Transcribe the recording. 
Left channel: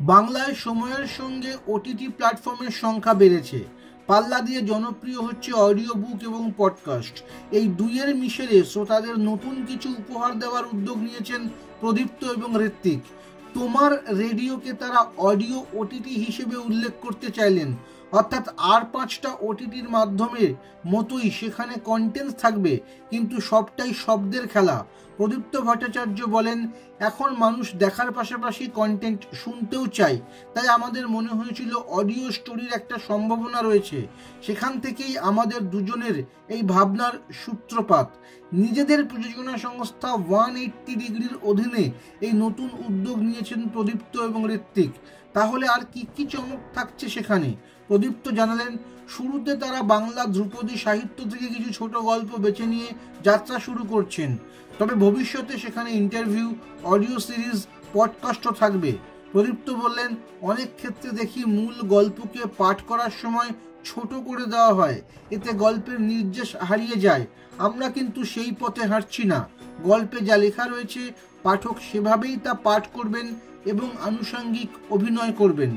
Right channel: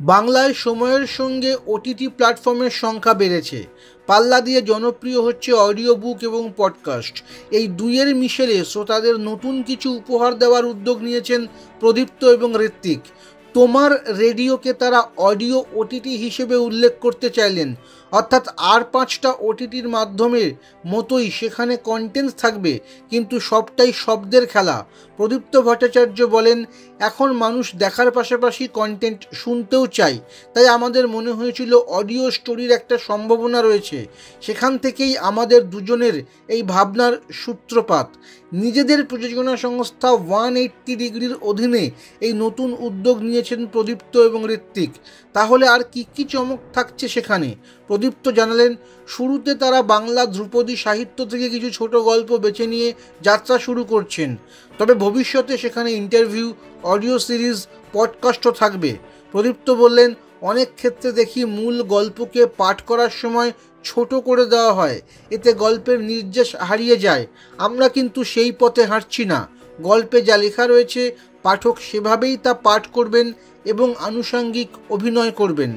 বাংলায় সময়ের সঙ্গে ওটিটি প্ল্যাটফর্মের সংখ্যা বেড়েছে। পাল্লা দিয়ে জনপ্রিয় হচ্ছে অডিও বুক এবং পডকাস্ট। এই দুইয়ের মিশেলে শ্রোতাদের নতুন কিছু উপহার দেওয়ার উদ্যোগ নিয়েছেন প্রদীপ্ত এবং ঋত্বিক। তোমার রেডিওকে তারা অডিও ওটিটি হিসেবে উল্লেখ করতে চাইলেন, অর্থাৎ আর 5টা ওটিটির মাধ্যমে মতোই সেখানে কন্টেন্ট থাকবে, কিন্তু সবটাই শব্দের খেলা। প্রদীপ্ত ভট্টাচার্য বলেন, এখন মানুষ দেখার পাশাপাশি কন্টেন্ট শুনতেও চায়, তাই আমাদের মনে হয়েছিল অডিও স্টোরির একটা সম্ভাবনা রয়েছে। সেখান থেকেই আমাদের দুজনের এই ভাবনার সূত্রপাত। নিজেদের প্রযোজনা সংস্থা 180 ডিগ্রির অধীনে এই নতুন উদ্যোগ নিয়েছেন প্রদীপ্ত এবং ঋত্বিক। তাহলে আর কি কি চমক থাকছে সেখানে? প্রদীপ্ত জানালেন, শুরুতে তারা বাংলা ধ্রুপদী সাহিত্য থেকে কিছু ছোট গল্প বেছে নিয়ে যাত্রা শুরু করছেন, তবে ভবিষ্যতে সেখানে ইন্টারভিউ, অডিও সিরিজ, পডকাস্টও থাকবে। প্রদীপ্ত বললেন, অনেক ক্ষেত্রে দেখি মূল গল্পকে পাঠ করার সময় ছোট করে দেওয়া হয়, এতে গল্পের নির্যাস হারিয়ে যায়। আমরা কিন্তু সেই পথে হাঁটছি না। গল্পে যা লেখা রয়েছে পাঠক সেভাবেই তা পাঠ করবেন এবং আনুষঙ্গিক অভিনয় করবেন।